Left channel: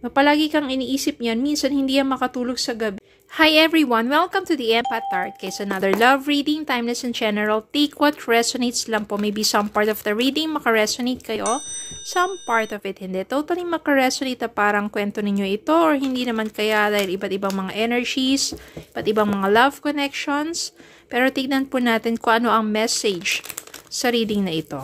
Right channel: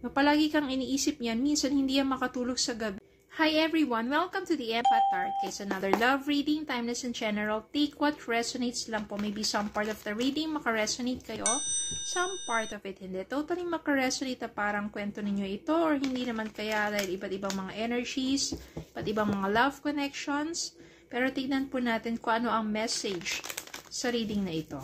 No, palagi kang iniisip niyan, minsan hindi yan makatulog sa gabi. Hi everyone! Welcome to the Empath Tarot Case. Another love reading, timeless and general. Take what resonates lang po. Maybe some part of the reading makaresonate kayo. Some part of it hindi. Totally makaresonate na parang kwento ninyo ito or hindi naman kaya dahil iba't ibang mga energies, iba't ibang mga love connections. Pero tignan po natin kung ano ang message sa reading na ito.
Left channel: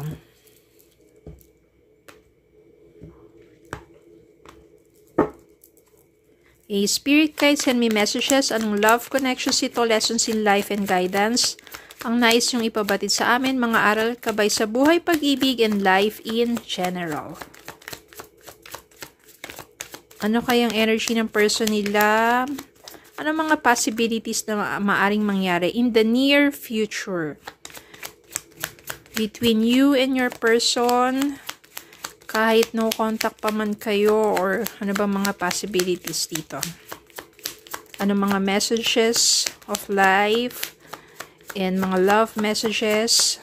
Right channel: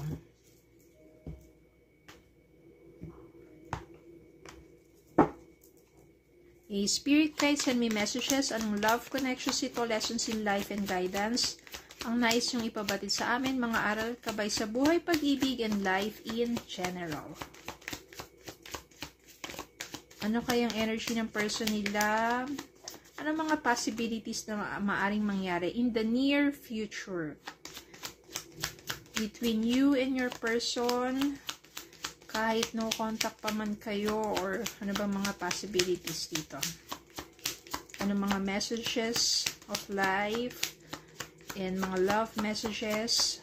Spirit guide, send me messages. Anong love connections ito? Lessons in life and guidance. Ang nais yung ipabatid sa amin, mga aral kabay sa buhay, pag-ibig, and life in general. Ano kayang energy ng person nila? Ano mga possibilities na maaring mangyari in the near future? Between you and your person, kahit no contact pa man kayo, or ano ba mga possibilities dito? Ano mga messages of life and mga love messages?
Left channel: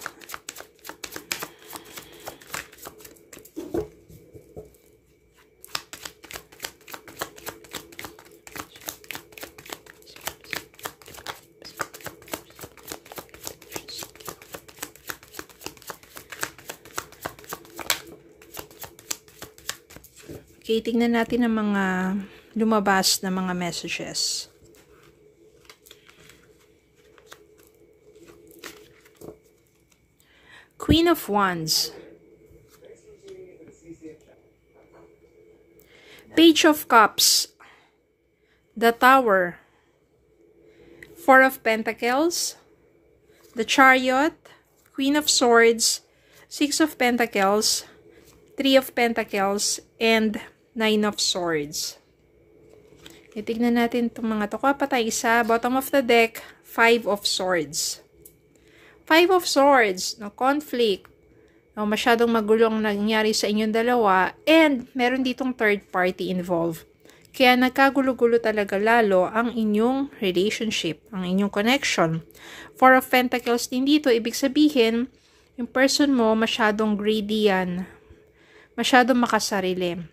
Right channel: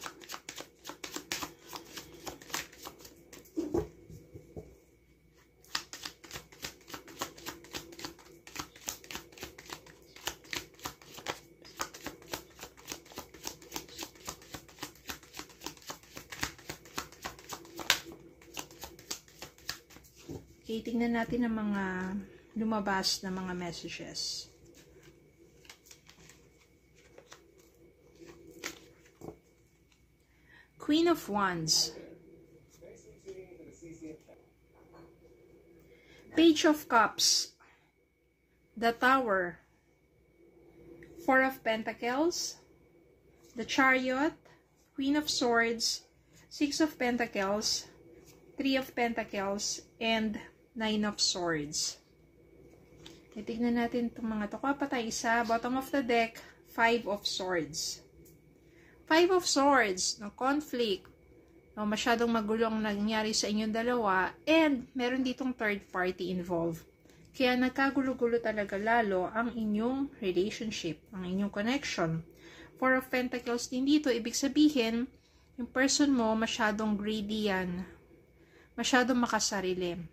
Okay, tingnan natin ang mga lumabas na mga messages. Queen of Wands. Page of Cups. The Tower. Four of Pentacles. The Chariot. Queen of Swords. Six of Pentacles. Three of Pentacles. And Nine of Swords. Itignan natin itong mga to. Kuha pa tayo isa. Bottom of the deck, Five of Swords. Five of Swords. No, conflict. No, masyadong magulo ang nangyari sa inyong dalawa. And meron ditong third party involved. Kaya nagkagulo-gulo talaga lalo ang inyong relationship, ang inyong connection. Four of Pentacles din dito. Ibig sabihin, yung person mo masyadong greedy yan. Masyadong makasarili.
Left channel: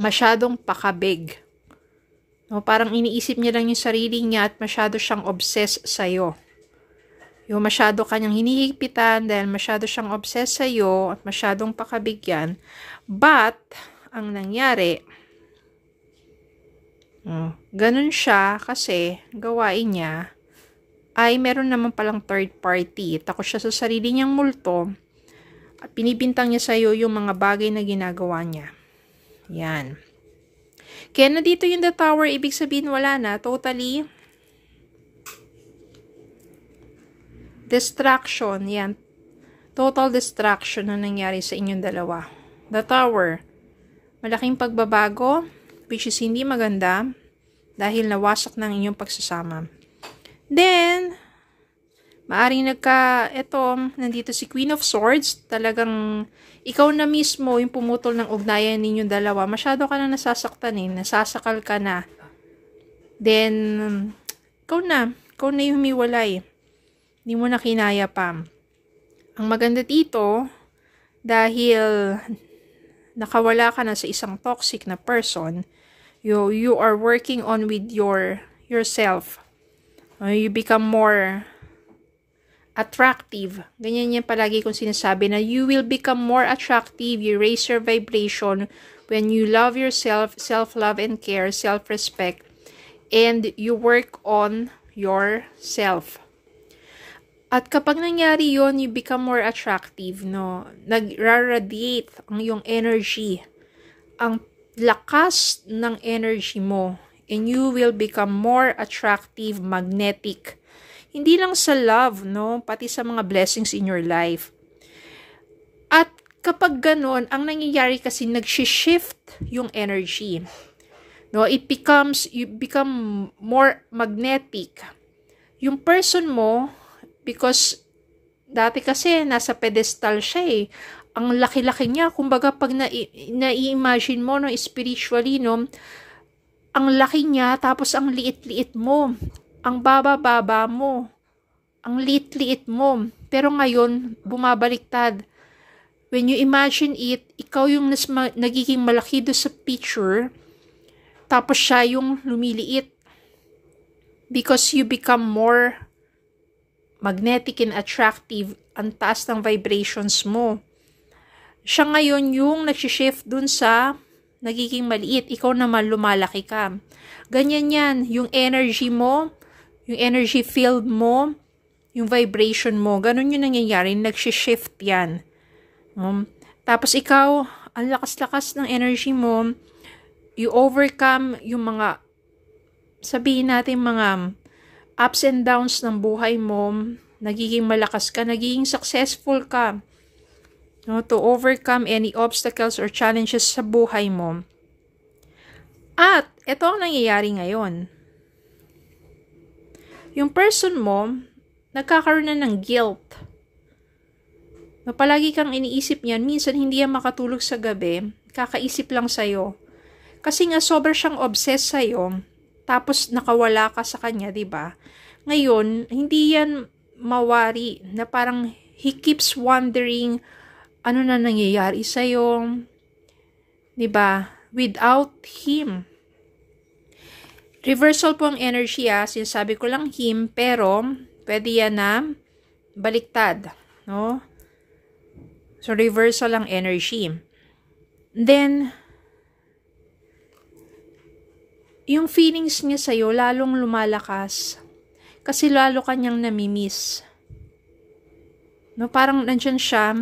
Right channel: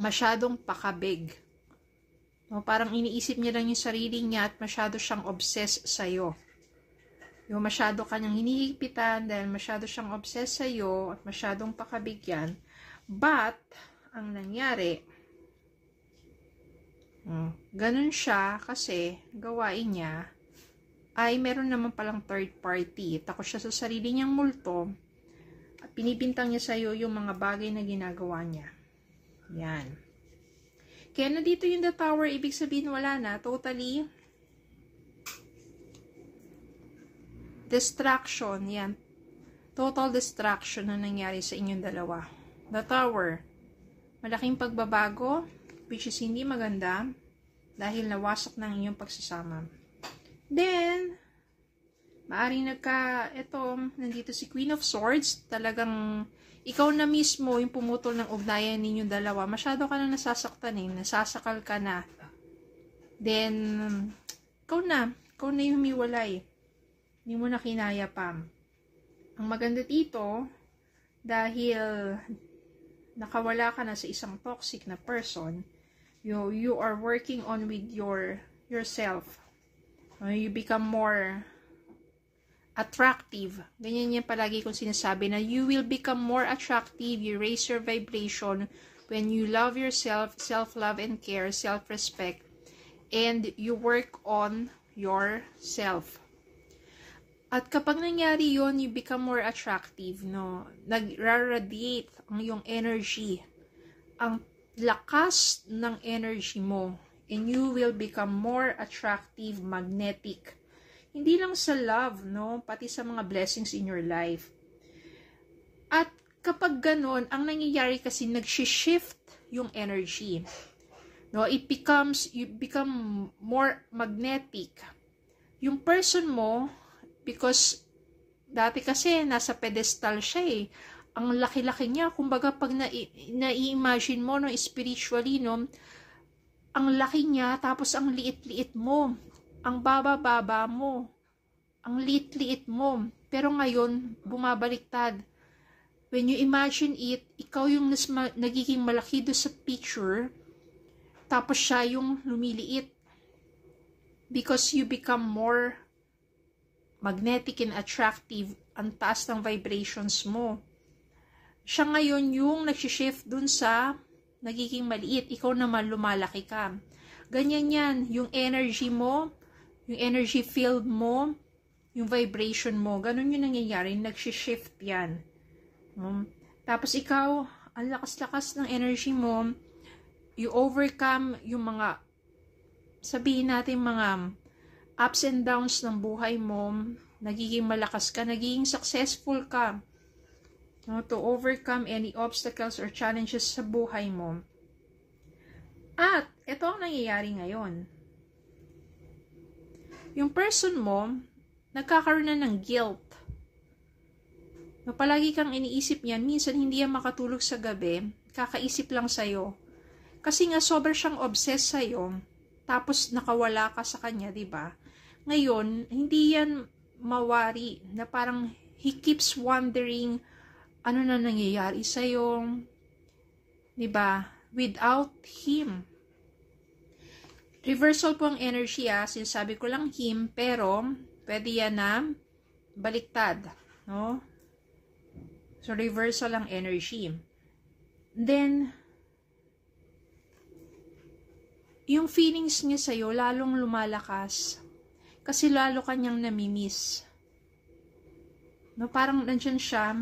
Masyadong pakabig. No, parang iniisip niya lang yung sarili niya at masyado siyang obsessed sa'yo. Yung masyado kanyang hinihigpitan dahil masyado siyang obsessed sa'yo at masyadong pakabig yan. But, ang nangyari, ganun siya kasi gawain niya ay meron naman palang third party. Takot siya sa sarili niyang multo at pinibintang niya sa'yo yung mga bagay na ginagawa niya. Yan. Kaya na dito yung the tower, ibig sabihin wala na. Totally distraction. Yan. Total distraction na nangyari sa inyong dalawa. The tower. Malaking pagbabago, which is hindi maganda dahil nawasak ng inyong pagsasama. Then, maaring nandito si Queen of Swords, talagang ikaw na mismo yung pumutol ng ugnayan ninyong dalawa. Masyado ka na nasasaktan nasasakal ka na. Then, ikaw na yung humiwalay. Hindi mo na kinaya pa. Ang maganda dito, dahil nakawala ka na sa isang toxic na person, you are working on with yourself. You become more attractive. Ganyan yan palagi kong sinasabi na you will become more attractive. You raise your vibration when you love yourself, self-love and care, self-respect, and you work on yourself. At kapag nangyari yon, you become more attractive, no? Nag-radiate ang iyong energy. Ang lakas ng energy mo. And you will become more attractive, magnetic. Hindi lang sa love, no? Pati sa mga blessings in your life. At kapag ganon, ang nangyayari kasi nag-shift yung energy. No? You become more magnetic. Yung person mo, because dati kasi nasa pedestal siya Ang laki-laki niya, kumbaga pag na-imagine mo, no, spiritually, no, ang laki niya, tapos ang liit-liit mo. Ang baba-baba mo, ang liit-liit mo. Pero ngayon, bumabaliktad. When you imagine it, ikaw yung nagiging malaki do sa picture, Tapos siya yung lumiliit. Because you become more magnetic and attractive. Ang taas ng vibrations mo. Siya ngayon yung nagsishift dun sa nagiging maliit. Ikaw naman lumalaki ka. Ganyan yan. Yung energy mo, yung energy field mo, yung vibration mo. Ganun yung nangyayari. Nagsishift yan. Tapos ikaw, ang lakas-lakas ng energy mo, you overcome yung mga, sabihin natin mga ups and downs ng buhay mo, nagiging malakas ka, nagiging successful ka. No, to overcome any obstacles or challenges sa buhay mo. At, ito ang nangyayari ngayon. Yung person mo, nagkakaroon na ng guilt. No, palagi kang iniisip niyan, minsan hindi yan makatulog sa gabi, kakaisip lang sa'yo. Kasi nga, sobrang siyang obsessed sa'yo, tapos nakawala ka sa kanya, diba? Ngayon, hindi yan mawari, na parang he keeps wondering, ano na nangyayari sa'yo? Diba? Without him. Reversal po ang energy, sinasabi ko lang him, pero pwede yan na baliktad. No? So, reversal ang energy. Then, yung feelings niya sa'yo, lalong lumalakas. Kasi lalo kanyang namimiss. No? Parang nandyan siya.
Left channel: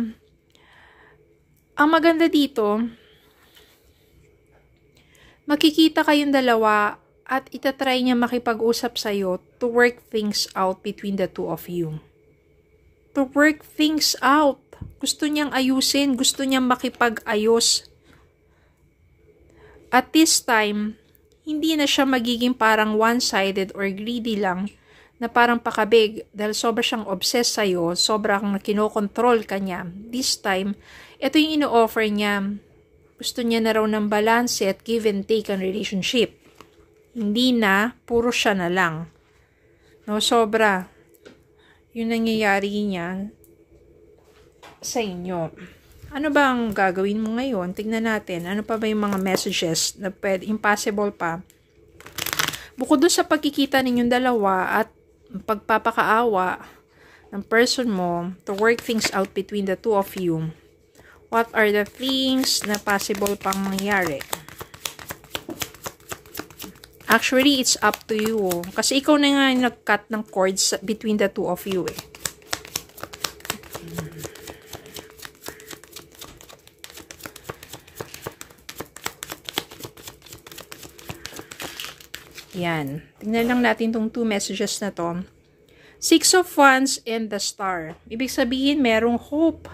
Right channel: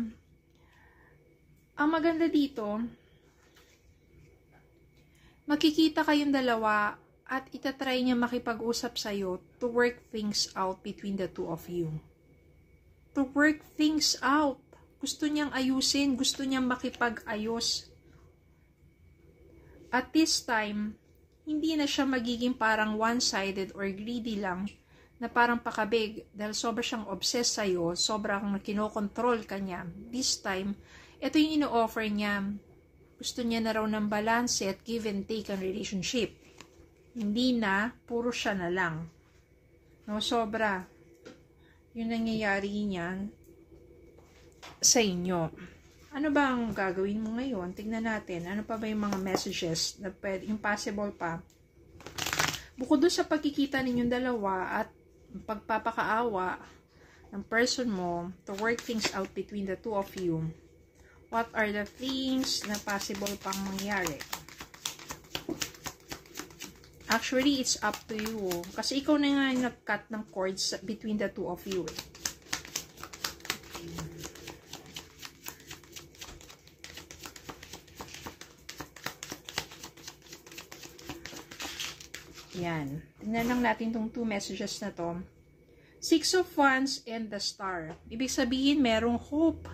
Ang maganda dito, makikita kayong dalawa at itatry niya makipag-usap sa'yo to work things out between the two of you. To work things out. Gusto niyang ayusin, gusto niyang makipag-ayos. At this time, hindi na siya magiging parang one-sided or greedy lang, na parang pakabig dahil sobra siyang obsessed sa'yo, sobrang kinokontrol ka niya. This time, ito yung ino-offer niya. Gusto niya na raw ng balance at give and take ang relationship. Hindi na, puro siya na lang. No, sobra. Yung nangyayari niya sa inyo. Ano ba ang gagawin mo ngayon? Tignan natin. Ano pa ba yung mga messages na pwede, impossible pa? Bukod dun sa pagkikita ninyong dalawa at pagpapakaawa ng person mo to work things out between the two of you, what are the things na possible pang mangyari? Actually, it's up to you. Kasi ikaw na nga yung nag-cut ng cords between the two of you eh. Yan. Tingnan lang natin tong two messages na to. Six of Wands and the Star. Ibig sabihin, merong hope.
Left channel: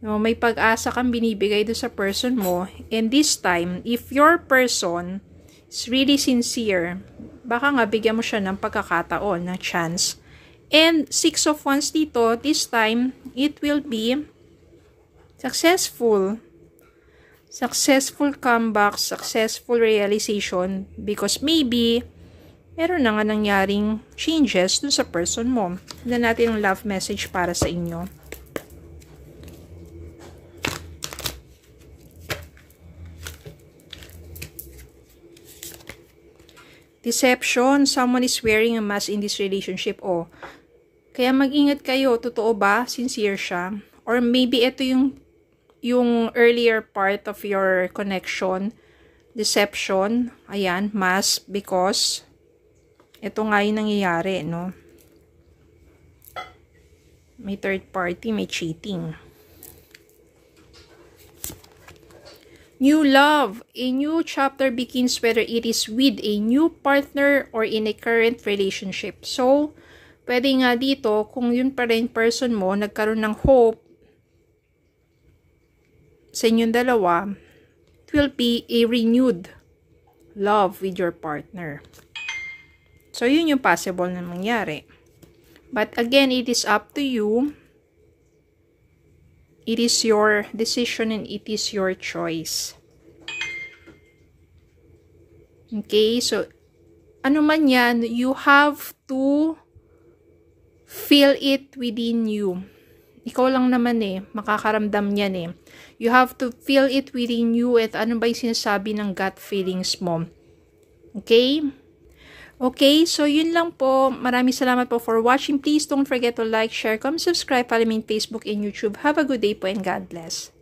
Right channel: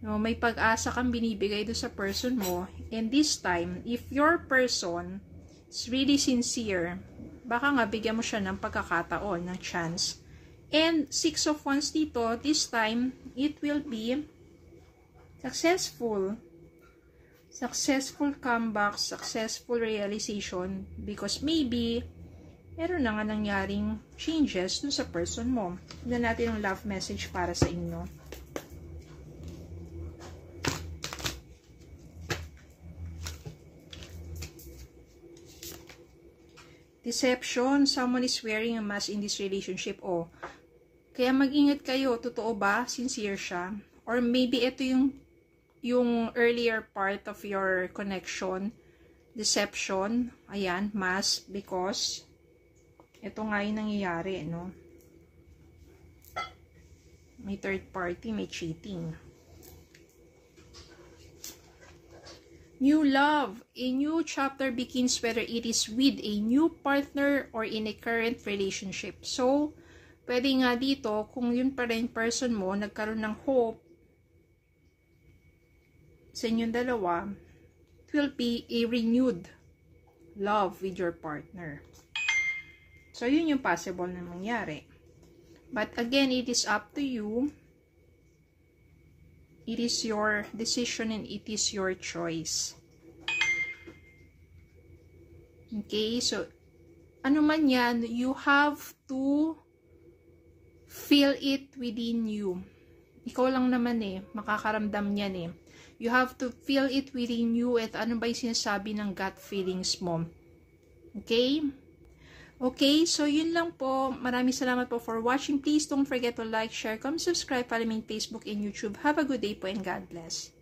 No, may pag-asa kang binibigay doon sa person mo. And this time, if your person is really sincere, baka nga bigyan mo siya ng pagkakataon, na chance. And Six of Wands dito, this time, it will be successful. Successful comeback, successful realization, because maybe meron na nga nangyaring changes dun sa person mo. Tignan natin yung love message para sa inyo. Deception, someone is wearing a mask in this relationship. Kaya mag-ingat kayo, totoo ba? Sincere siya? Or maybe ito yung earlier part of your connection, deception, ayan, mask, because ito nga yung nangyayari, no? May third party, may cheating. New love. A new chapter begins, whether it is with a new partner or in a current relationship. So, pwede nga dito, kung yun pa rin person mo, nagkaroon ng hope sa inyong dalawa, it will be a renewed love with your partner. So, yun yung possible na mangyari. But again, it is up to you. It is your decision and it is your choice. Okay, so ano man yan, you have to feel it within you. Ikaw lang naman makakaramdam yan You have to feel it within you at ano ba yung sinasabi ng gut feelings mo. Okay? Okay, so yun lang po. Maraming salamat po for watching. Please don't forget to like, share, comment, subscribe, follow me on Facebook and YouTube. Have a good day po and God bless.